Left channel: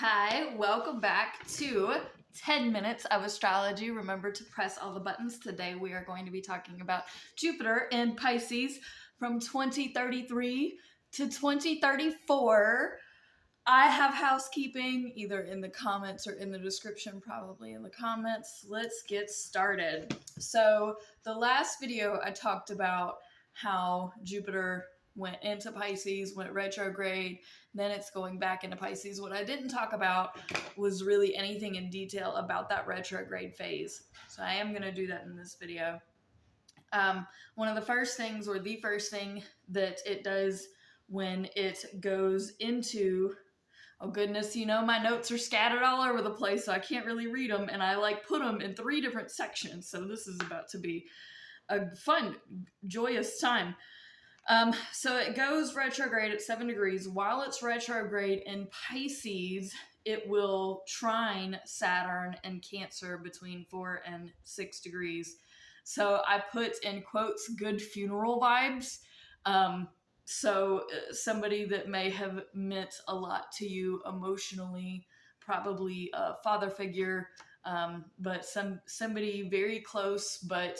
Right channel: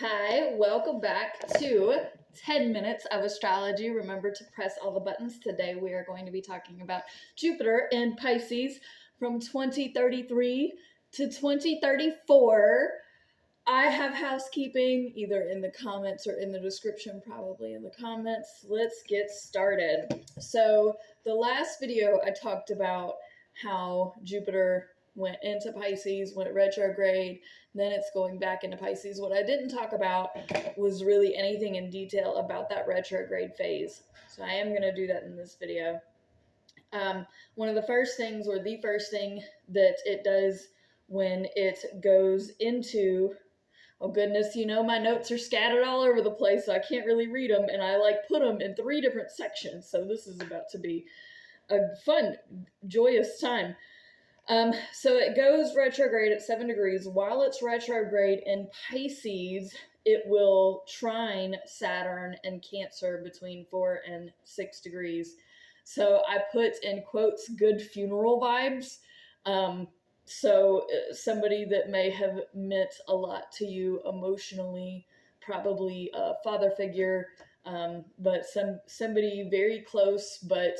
Hi, welcome back to 10 minutes of astrology. Remember to press all the buttons. Today we are going to be talking about Jupiter in Pisces from 2033 to 2034. I have housekeeping either in the comments or in the description, probably in the comments. Let's get started. So the last video I talked about how Jupiter went into Pisces, went retrograde, then it's going back into Pisces. What I didn't talk about was really anything in detail about that retrograde phase. So I am going to do that in this video. One of the first things, or the first thing that it does when it goes into, oh goodness, my notes are scattered all over the place, so I can't really read them, and I put them in 3 different sections. So this is about to be a fun, joyous time. So it goes retrograde at 7 degrees. While it's retrograde in Pisces, it will trine Saturn and Cancer between 4 and 6 degrees. So I put in quotes, good funeral vibes. So somebody that may have meant a lot to you emotionally, probably a father figure, but somebody very close, but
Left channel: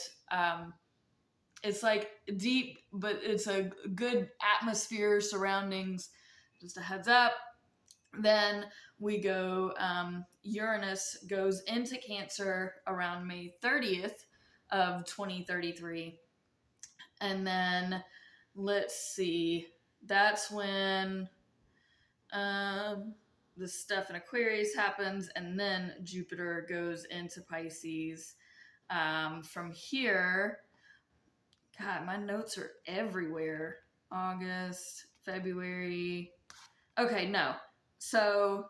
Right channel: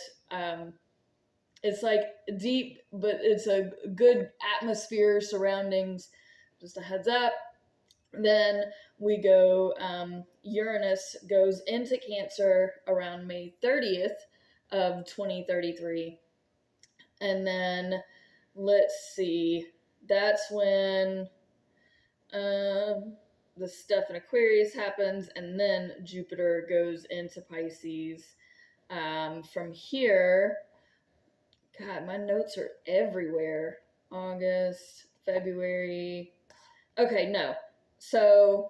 it's deep, but it's a good atmosphere, surroundings. Just a heads up. Then we go, Uranus goes into Cancer around May 30th of 2033. And then let's see, that's when the stuff in Aquarius happens, and then Jupiter goes into Pisces. From here, God, my notes are everywhere. August, February. Okay, no. So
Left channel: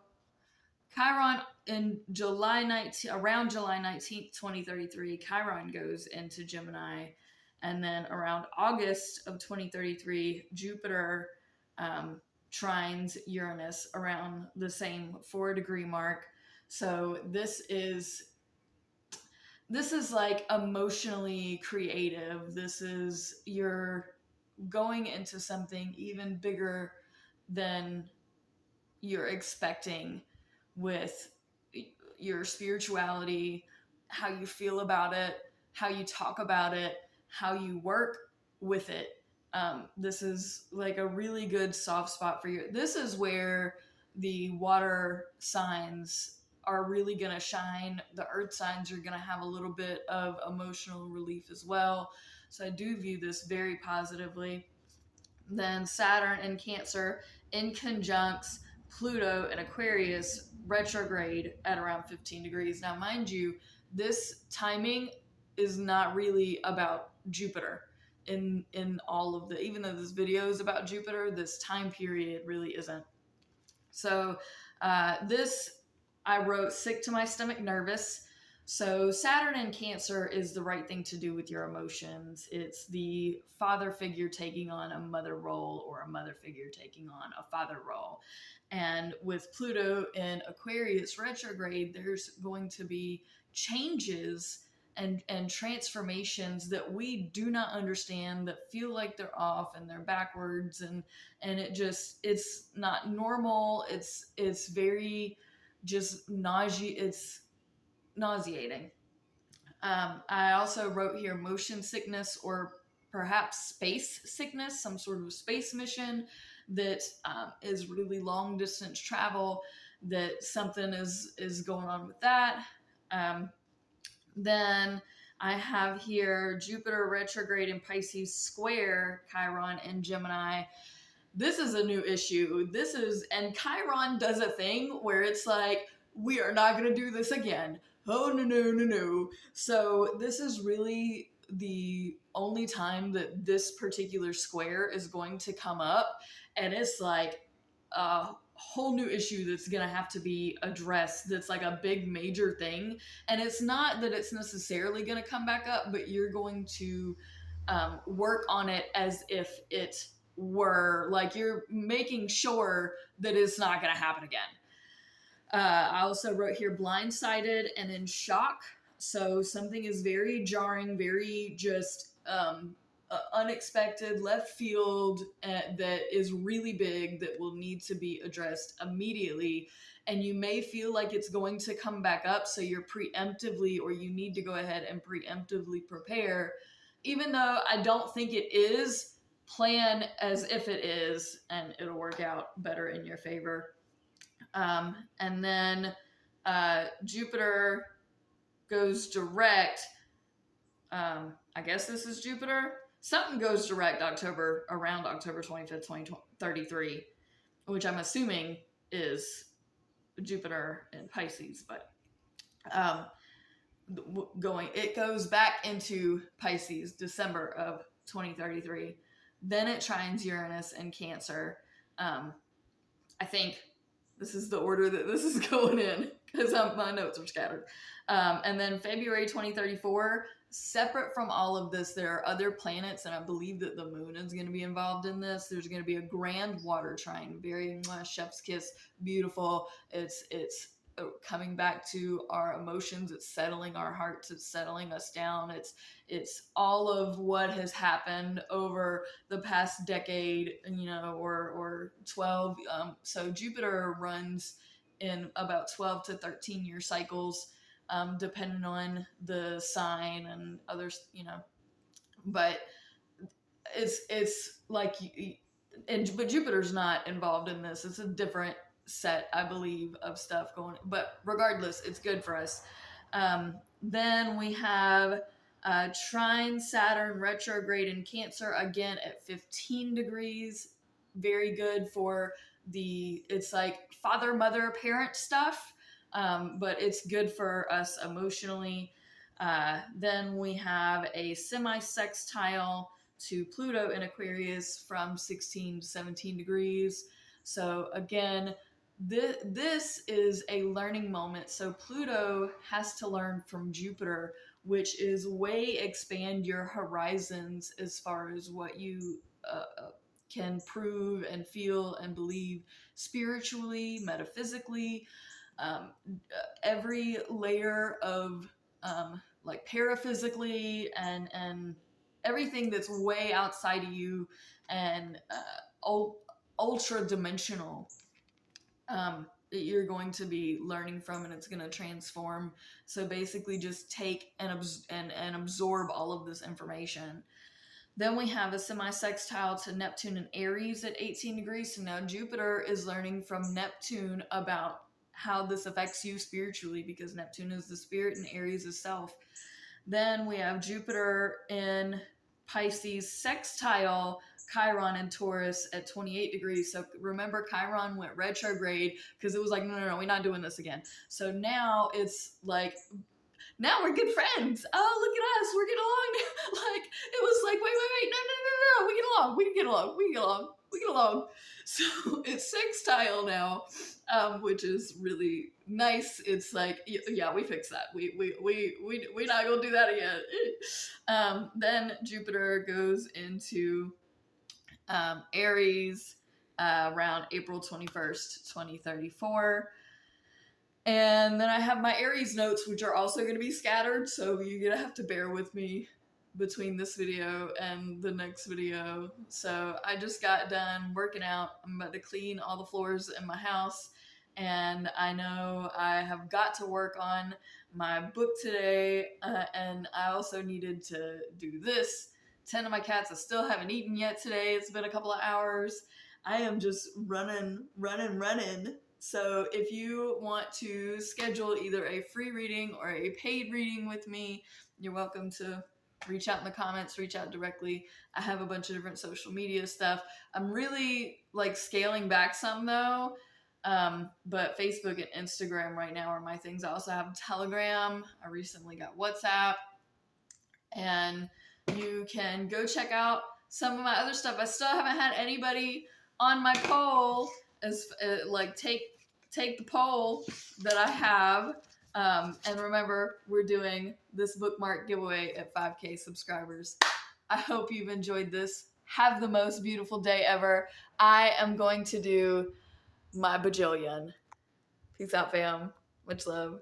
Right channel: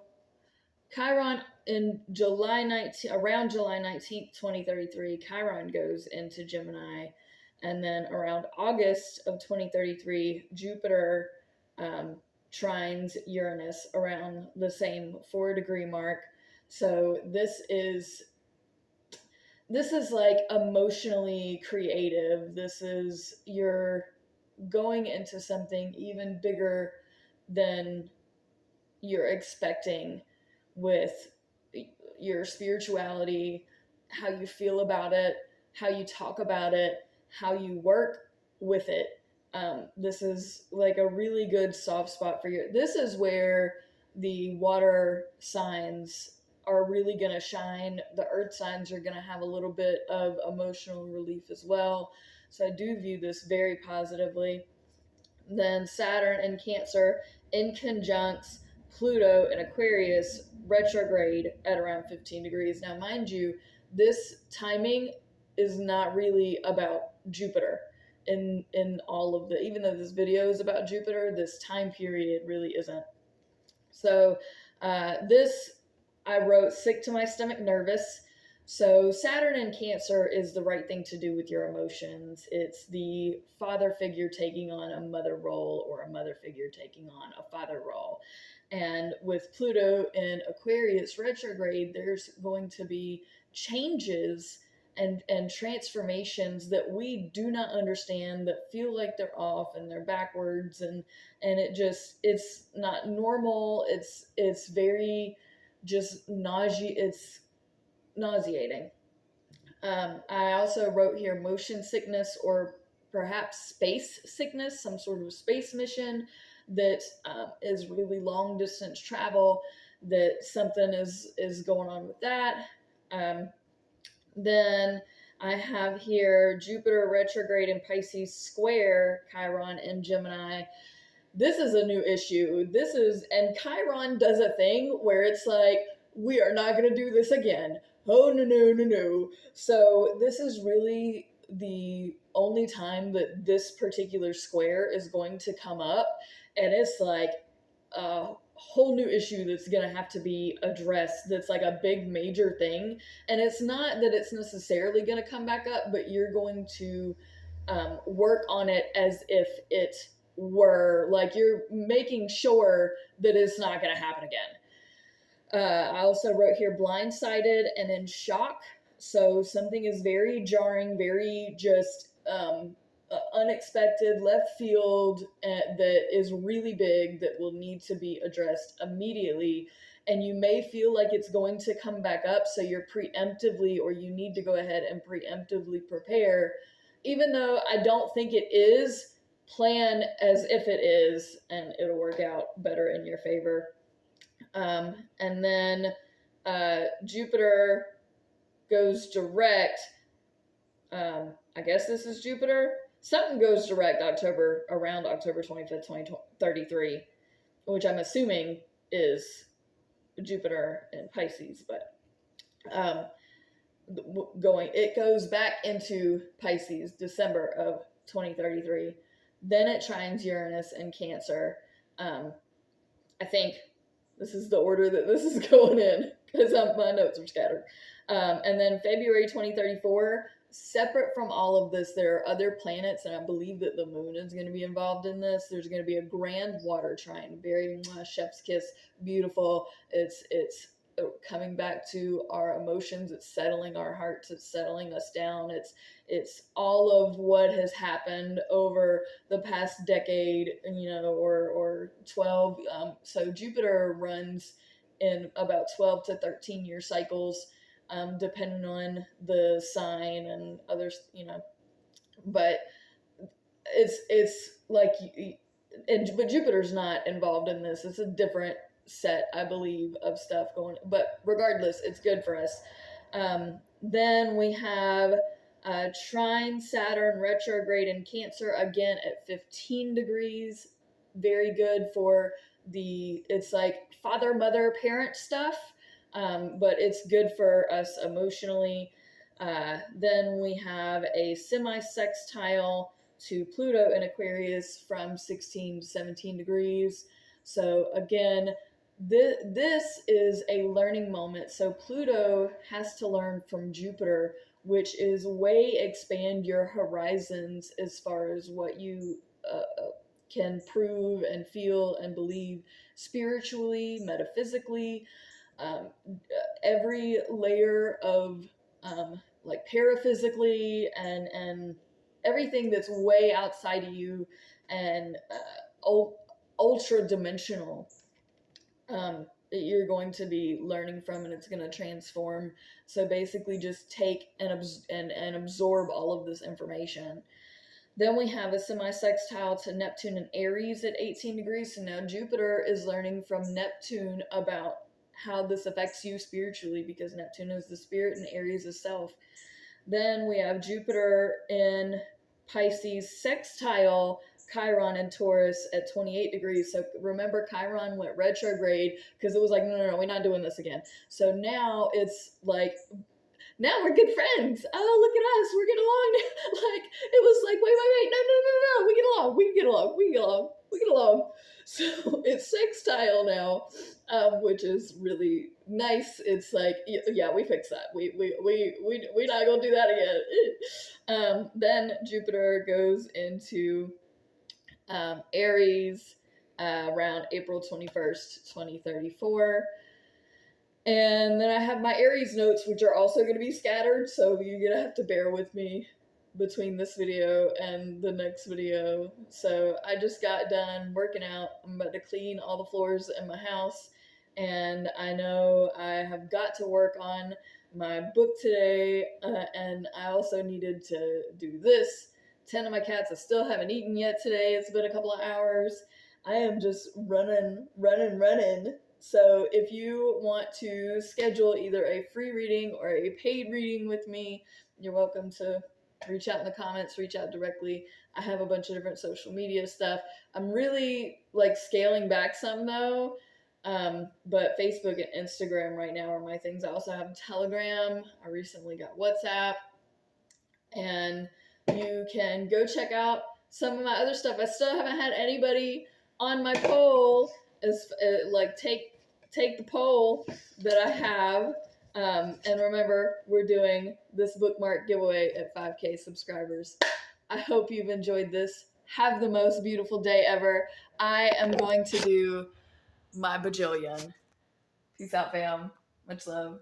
Chiron in July 19th, around July 19th, 2033, Chiron goes into Gemini. And then around August of 2033, Jupiter trines Uranus around the same 4-degree mark. So this is like emotionally creative. This is, you're going into something even bigger than you're expecting with your spirituality, how you feel about it, how you talk about it, how you work with it. This is like a really good soft spot for you. This is where the water signs are really going to shine. The earth signs are going to have a little bit of emotional relief as well. So I do view this very positively. Then Saturn in Cancer in conjuncts Pluto in Aquarius retrograde at around 15 degrees. Now, mind you, this timing is not really about Jupiter in all of the, even though this video is about Jupiter, this time period really isn't. So this, I wrote sick to my stomach, nervous. So Saturn in Cancer is the right thing to do with your emotions. It's the father figure taking on a mother role, or a mother figure taking on a father role. And with Pluto in Aquarius retrograde, there's going to be changes and transformations that we do not understand, that feel like they're off and they're backwards, and it's not normal. It's very just it's nauseating. I also wrote here motion sickness, or perhaps space sickness, some sort of space mission that is really long distance travel, that something is going on with that. Then I have here Jupiter retrograde in Pisces square Chiron in Gemini. This is a new issue. And Chiron does a thing where it's like, we are not going to do this again. Oh, no, no, no, no. So this is really the only time that this particular square is going to come up. And it's like a whole new issue that's going to have to be addressed. That's like a big major thing. And it's not that it's necessarily going to come back up, but you're going to work on it as if it were, like, you're making sure that it's not going to happen again. I also wrote here blindsided and in shock. So something is very jarring, very just unexpected left field that is really big that will need to be addressed immediately, and you may feel like it's going to come back up, so you're preemptively, or you need to go ahead and preemptively prepare. Even though I don't think it is, plan as if it is, and it'll work out better in your favor. And then Jupiter goes direct. I guess this is Jupiter. Something goes direct around October 25th, 2033, which I'm assuming is Jupiter in Pisces, but it goes back into Pisces December of 2033. Then it trines Uranus in Cancer. I think this is the order that this is going in, because my notes are scattered. And then February 2034, separate from all of this, there are other planets, and I believe that the moon is going to be involved in this. There's going to be a grand water trine, very chef's kiss, beautiful. It's coming back to our emotions. It's settling our hearts. It's settling us down. It's all of what has happened over the past decade, or 12. So Jupiter runs in about 12 to 13 year cycles, depending on the sign and others, but it's like, but Jupiter's not involved in this. It's a different set, I believe, of stuff going, but regardless, it's good for us. Then we have trine Saturn retrograde in Cancer, again at 15 degrees. Very good for it's like father, mother, parent stuff, but it's good for us emotionally. Then we have a semi-sextile to Pluto in Aquarius from 16 to 17 degrees. So again, this is a learning moment. So Pluto has to learn from Jupiter, which is way expand your horizons as far as what you can prove and feel and believe spiritually, metaphysically, every layer of like paraphysically and everything that's way outside of you and ultra dimensional, that you're going to be learning from, and it's going to transform. So basically just take and absorb all of this information. Then we have a semi-sextile to Neptune and Aries at 18 degrees. So now Jupiter is learning from Neptune about how this affects you spiritually, because Neptune is the spirit and Aries is self. Then we have Jupiter in Pisces sextile Chiron and Taurus at 28 degrees. So remember, Chiron went retrograde because it was like, no, we're not doing this again. So now it's like, now we're good friends. Oh, look at us. We're getting along. Like, it was like, wait. No. We get along. So it's sextile now, which is really nice. It's like, yeah, we fixed that. We're not going to do that again. Then Jupiter goes into Aries around April 21st, 2034. And then I have my Aries notes, which are also going to be scattered, so you're going to have to bear with me between this video and the next video. So I just got done working out. I'm about to clean all the floors in my house, and I know I have got to work on my book today, and I also needed to do this. 10 of my cats I still haven't eaten yet today. It's been a couple of hours. I am just running. So if you want to schedule either a free reading or a paid reading with me, you're welcome to reach out in the comments, reach out directly. I have a bunch of different social media stuff. I'm really like scaling back some though, but Facebook and Instagram right now are my things. I also have Telegram. I recently got WhatsApp, and you can go check out some of my other stuff. I still haven't had anybody on my poll as like take the poll that I have. And remember, we're doing this bookmark giveaway at 5K subscribers. I hope you've enjoyed this. Have the most beautiful day ever. I am going to do my bajillion. Peace out, fam. Much love.